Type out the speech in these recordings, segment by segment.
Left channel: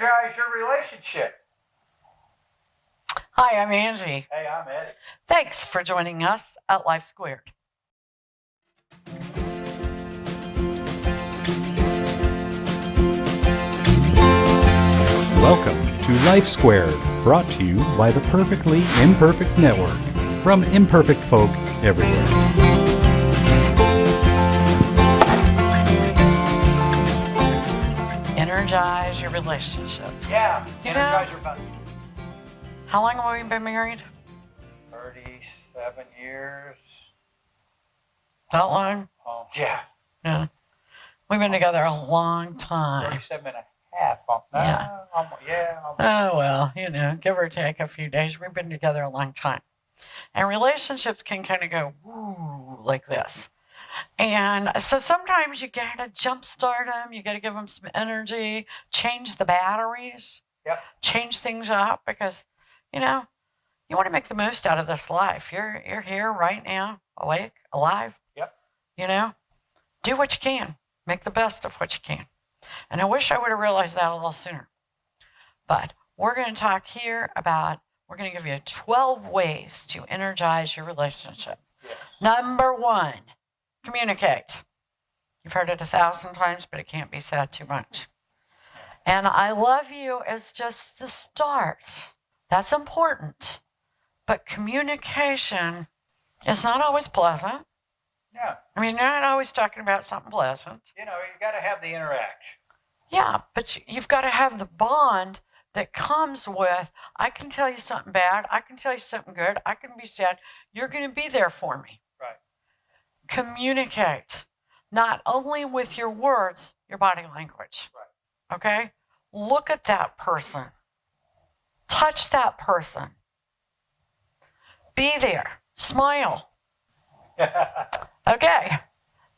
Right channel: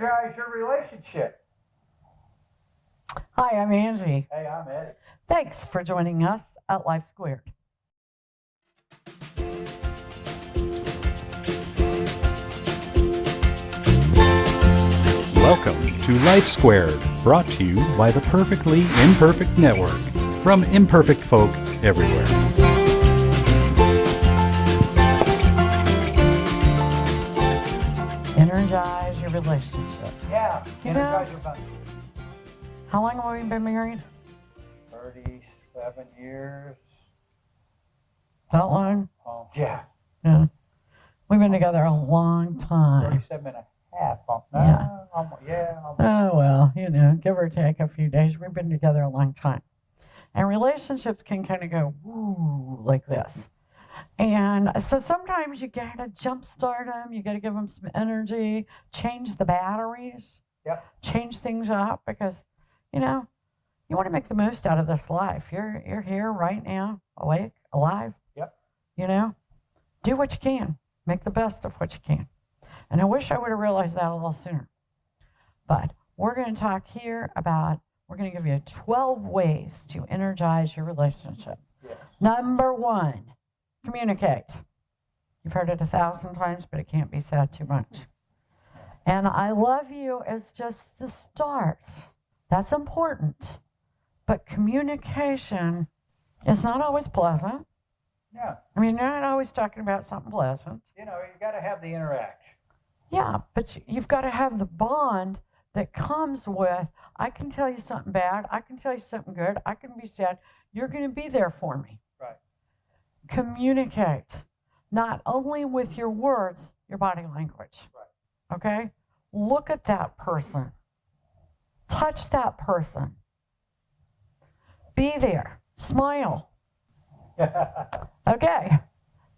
Energize your relationship. Hi, I'm Angie. Hey, I'm Eddie. Thanks for joining us at Life Squared. Welcome to Life Squared, brought to you by the Perfectly Imperfect Network, from imperfect folk everywhere. Energize your relationship. Yeah, You energize know- your fun. How long have we been married? 37 years. That long? Yeah, Yeah. We've been together a long time. 37 and a half. Yeah. Almost. Oh, well, give or take a few days. We've been together a long time. And relationships can kind of go, woo, like this. And so sometimes you got to jumpstart them. You got to give them some energy, change the batteries, Yep. change things up because, you want to make the most out of this life. You're here right now, awake, alive. Yep. Do what you can. Make the best of what you can. And I wish I would have realized that a little sooner. But we're going to talk here about, we're going to give you 12 ways to energize your relationship. Yes. Number 1, communicate. You've heard it 1,000 times, but it can't be said too much. And I love you is just the start. That's important. But communication is not always pleasant. Yeah. I mean, you're not always talking about something pleasant. You got to have the interaction. Yeah, but you've got to have the bond that comes with, I can tell you something bad. I can tell you something good. I can be sad. You're going to be there for me. Right. Communicate, not only with your words, your body language. Right. Okay? Look at that person. Touch that person. Be there. Smile. Okay.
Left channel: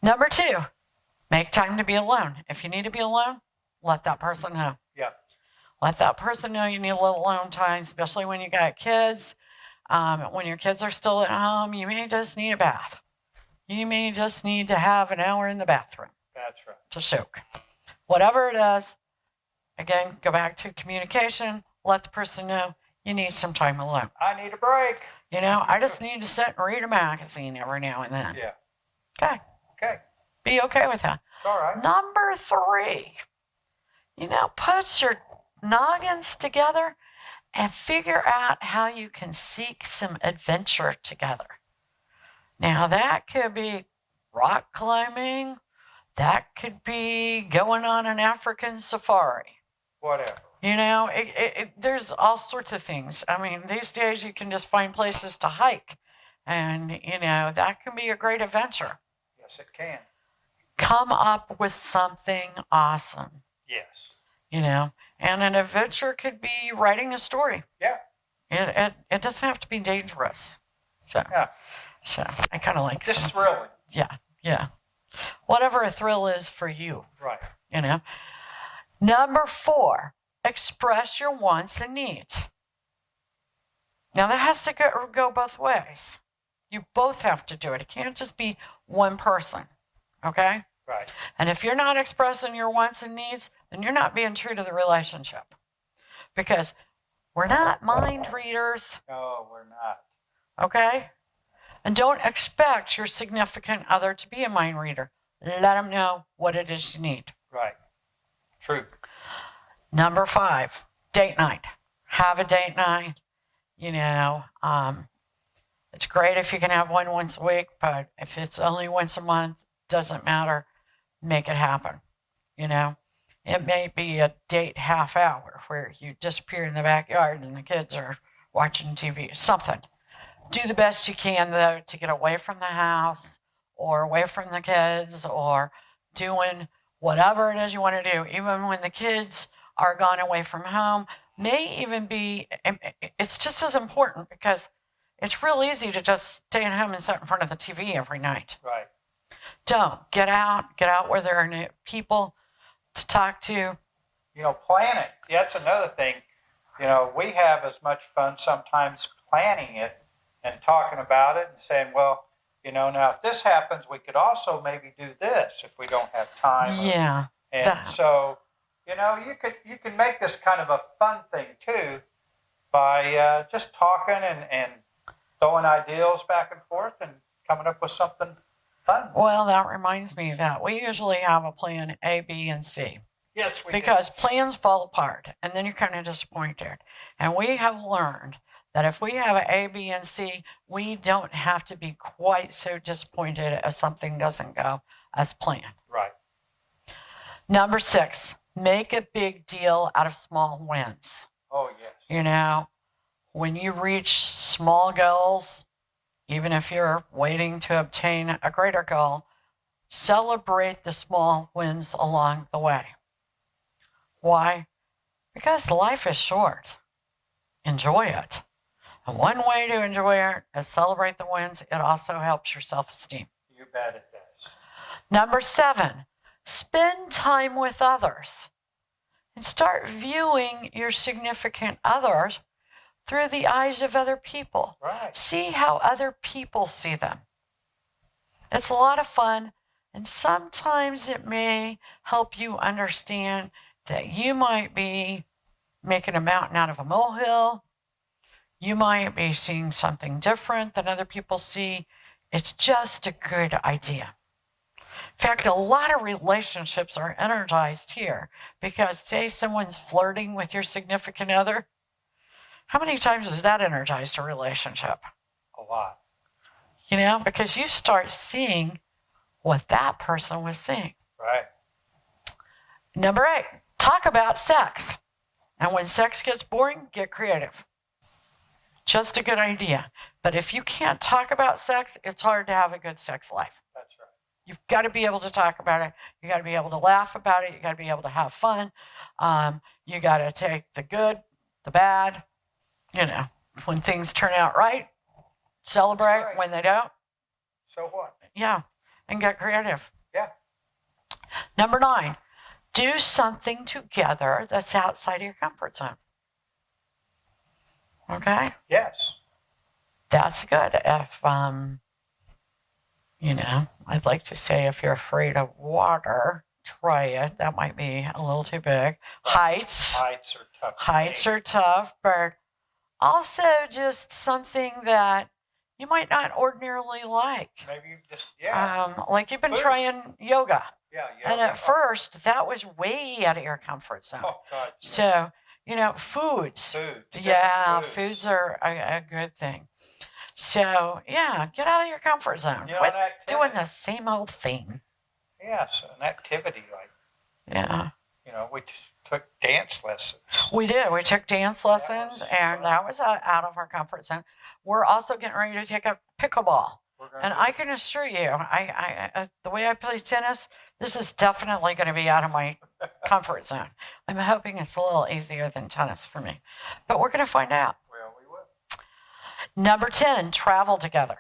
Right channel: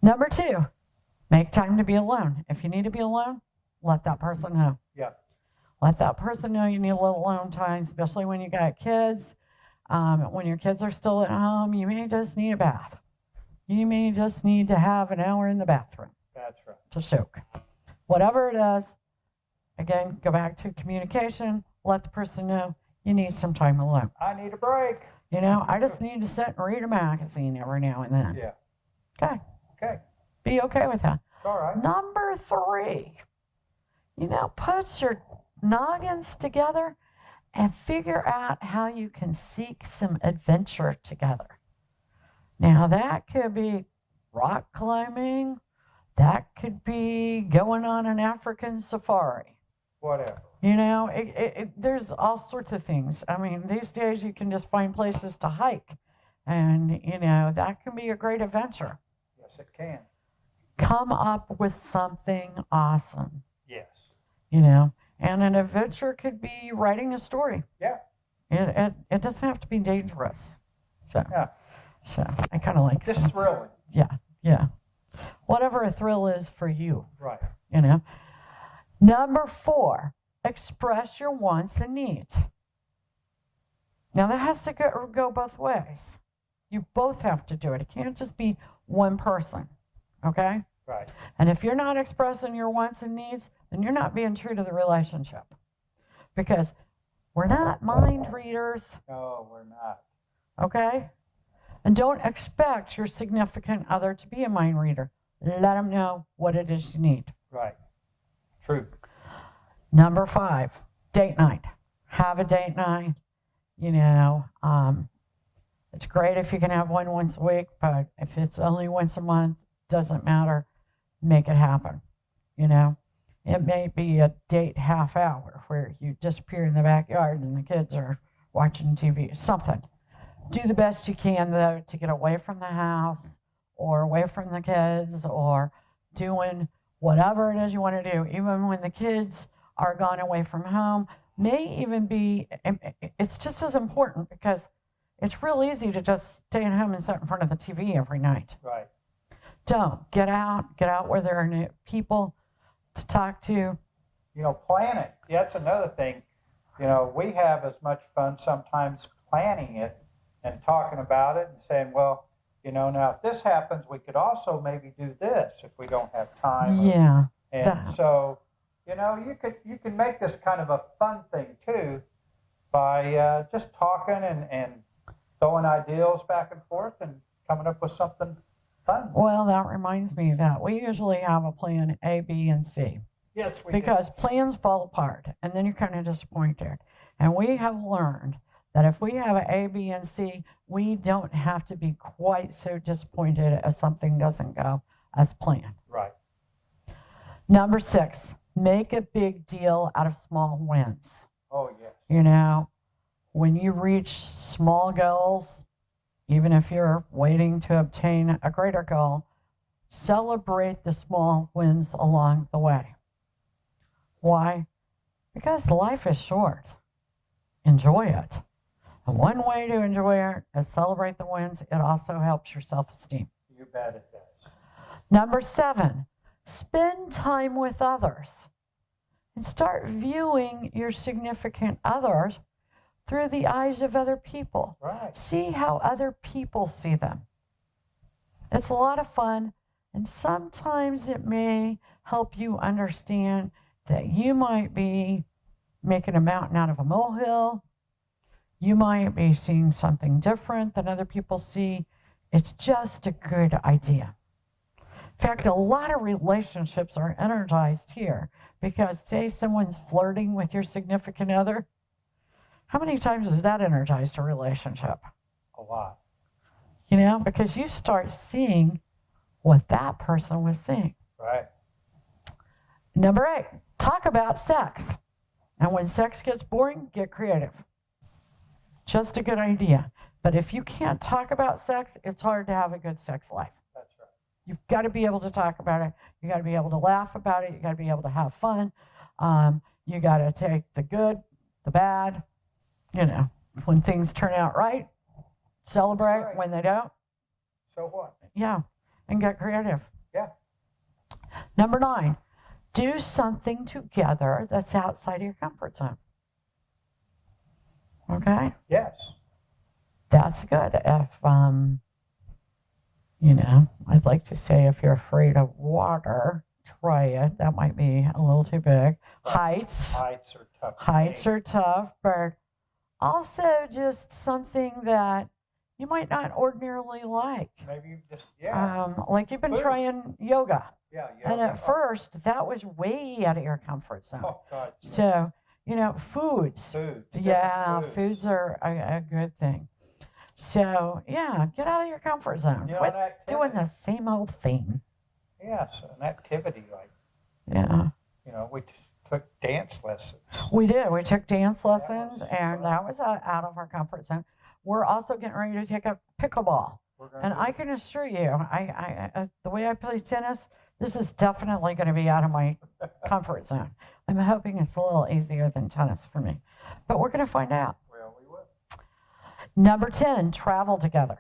Number 2, make time to be alone. If you need to be alone, let that person know. Yeah. Let that person know you need a little alone time, especially when you got kids. When your kids are still at home, you may just need a bath. You may just need to have an hour in the bathroom. That's right. To soak. Whatever it is, again, go back to communication. Let the person know you need some time alone. I need a break. I just need to sit and read a magazine every now and then. Yeah. Okay. Okay. Be okay with that. It's all right. Number 3, put your noggins together and figure out how you can seek some adventure together. Now, that could be rock climbing. That could be going on an African safari. Whatever. There's all sorts of things. I mean, these days you can just find places to hike. And, that can be a great adventure. Yes, it can. Come up with something awesome. Yes. And an adventure could be writing a story. Yeah. It doesn't have to be dangerous. So I kind of like Just thrilling. Yeah. Whatever a thrill is for you. Right. Number 4, express your wants and needs. Now that has to go both ways. You both have to do it. It can't just be one person. Okay? Right. And if you're not expressing your wants and needs, then you're not being true to the relationship. Because we're not mind readers. No, we're not. Okay? And don't expect your significant other to be a mind reader. Let them know what it is you need. Right. True. Number 5, date night. Have a date night. It's great if you can have one once a week, but if it's only once a month, doesn't matter. Make it happen. It may be a date half hour where you disappear in the backyard and the kids are watching TV, something. Do the best you can, though, to get away from the house or away from the kids or doing whatever it is you want to do, even when the kids are gone away from home. May even be, it's just as important because it's real easy to just stay at home and sit in front of the TV every night. Right. Don't. Get out where there are new people to talk to. Plan it. That's another thing. We have as much fun sometimes planning it and talking about it and saying, well, now if this happens, we could also maybe do this if we don't have time. Yeah. And so, you know, you can make this kind of a fun thing too by just talking and throwing ideas back and forth and coming up with something fun. Well, that reminds me that we usually have a plan A, B, and C. Yes, we Because plans fall apart and then you're kind of disappointed. And we have learned that if we have an A, B, and C, we don't have to be quite so disappointed if something doesn't go as planned. do. Right. Number 6, make a big deal out of small wins. Oh, yes. You know, when you reach small goals, even if you're waiting to obtain a greater goal, celebrate the small wins along the way. Why? Because life is short. Enjoy it. And one way to enjoy it is celebrate the wins. It also helps your self-esteem. You bet it does. Number 7, spend time with others and start viewing your significant others through the eyes of other people. Right. See how other people see them. It's a lot of fun, and sometimes it may help you understand that you might be making a mountain out of a molehill. You might be seeing something different than other people see. It's just a good idea. In fact, a lot of relationships are energized here because, say, someone's flirting with your significant other. How many times has that energized a relationship? A lot. You know, because you start seeing what that person was seeing. Right. Number 8, talk about sex. And when sex gets boring, get creative. Just a good idea. But if you can't talk about sex, it's hard to have a good sex life. That's right. You've got to be able to talk about it. You got to be able to laugh about it. You got to be able to have fun. You got to take the good, the bad. You know, when things turn out right, celebrate. right. When they don't, So what? yeah, and get creative. Yeah. Number 9, do something together that's outside of your comfort zone. Okay? Yes. That's good. If, you know, I'd like to say if you're afraid of water, try it. That might be a little too big. Heights. Heights are tough. to Heights make. are tough, but also just something that you might not ordinarily like. Maybe you just, yeah. Like you've been Food. trying yoga. Yeah. And at first, that was way out of your comfort zone. Oh, God. So, you know, foods. Foods. Yeah, different foods are a good thing. So, yeah, get out of your comfort zone. You know, Quit an activity. doing the same old thing. Yes, an activity like, Yeah, you know, we took dance lessons. we did. We took dance lessons, was and fun. that was out of our comfort zone. We're also getting ready to take up pickleball. We're gonna And do I can assure you, I the way I play tennis, this is definitely going to be out of my comfort zone. I'm hoping it's a little easier than tennis for me, but we're going to find out. Well, we will. Number 10, travel together.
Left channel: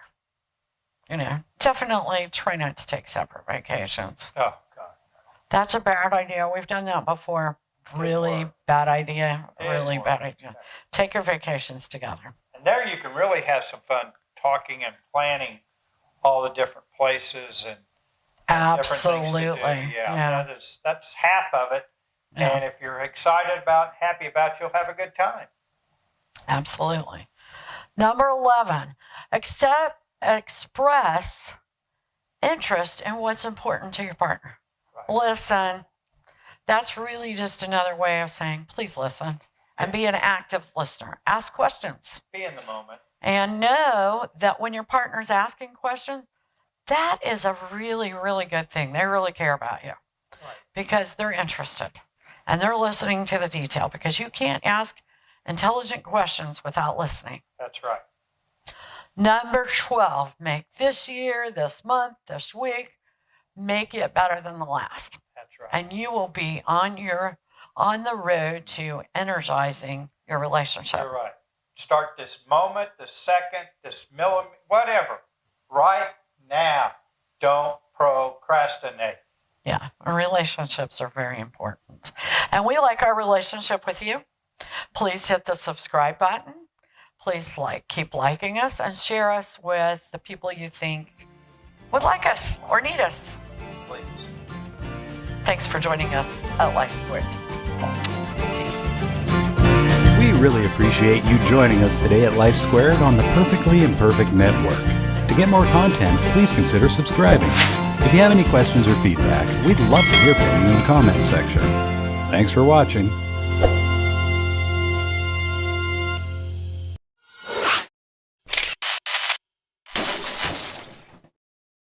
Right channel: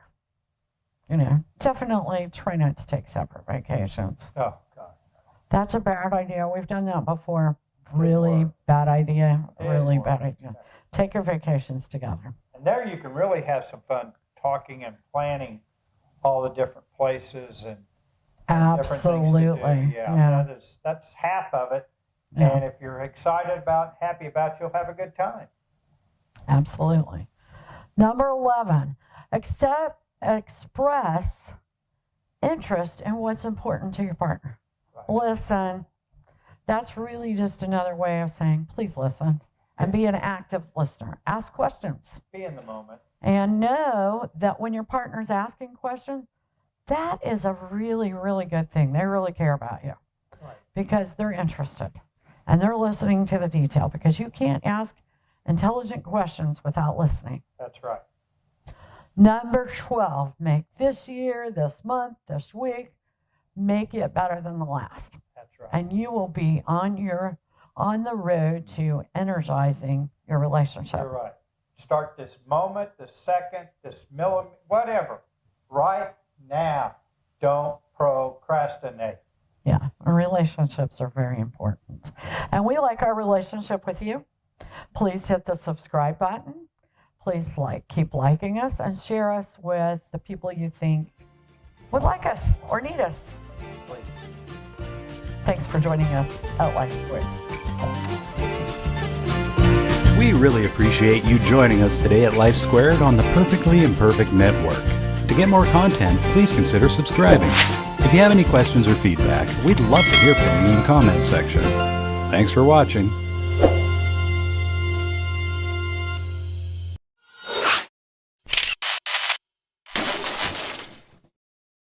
You know, definitely try not to take separate vacations. Oh, God. That's a bad idea. We've done that before. Really work. bad idea. Didn't Really work. bad idea. Take your vacations together. And there you can really have some fun talking and planning all the different places and different things to do. Absolutely. Yeah. That's half of it. Yeah. And if you're excited about, happy about, you'll have a good time. Absolutely. Number 11, express interest in what's important to your partner. Right. Listen. That's really just another way of saying, please listen and be an active listener. Ask questions Be in the moment. and know that when your partner's asking questions, that is a really, really good thing. They really care about you Right. because they're interested and they're listening to the detail, because you can't ask intelligent questions without listening. That's right. Number 12, make this year, this month, this week, make it better than the last. That's right. And you will be on the road to energizing your relationship. You're right. Start this moment, this second, this millimeter, whatever, right now. Don't procrastinate. Yeah, relationships are very important. And we like our relationship with you. Please hit the subscribe button. Please keep liking us and share us with the people you think would like us or need us. Please. Thanks for joining us at Life Squared. Peace. We really appreciate you joining us today at Life Squared on the Perfectly Imperfect Network. To get more content, please consider subscribing. If you have any questions or feedback, we'd love to hear from you in the comments section. Thanks for watching.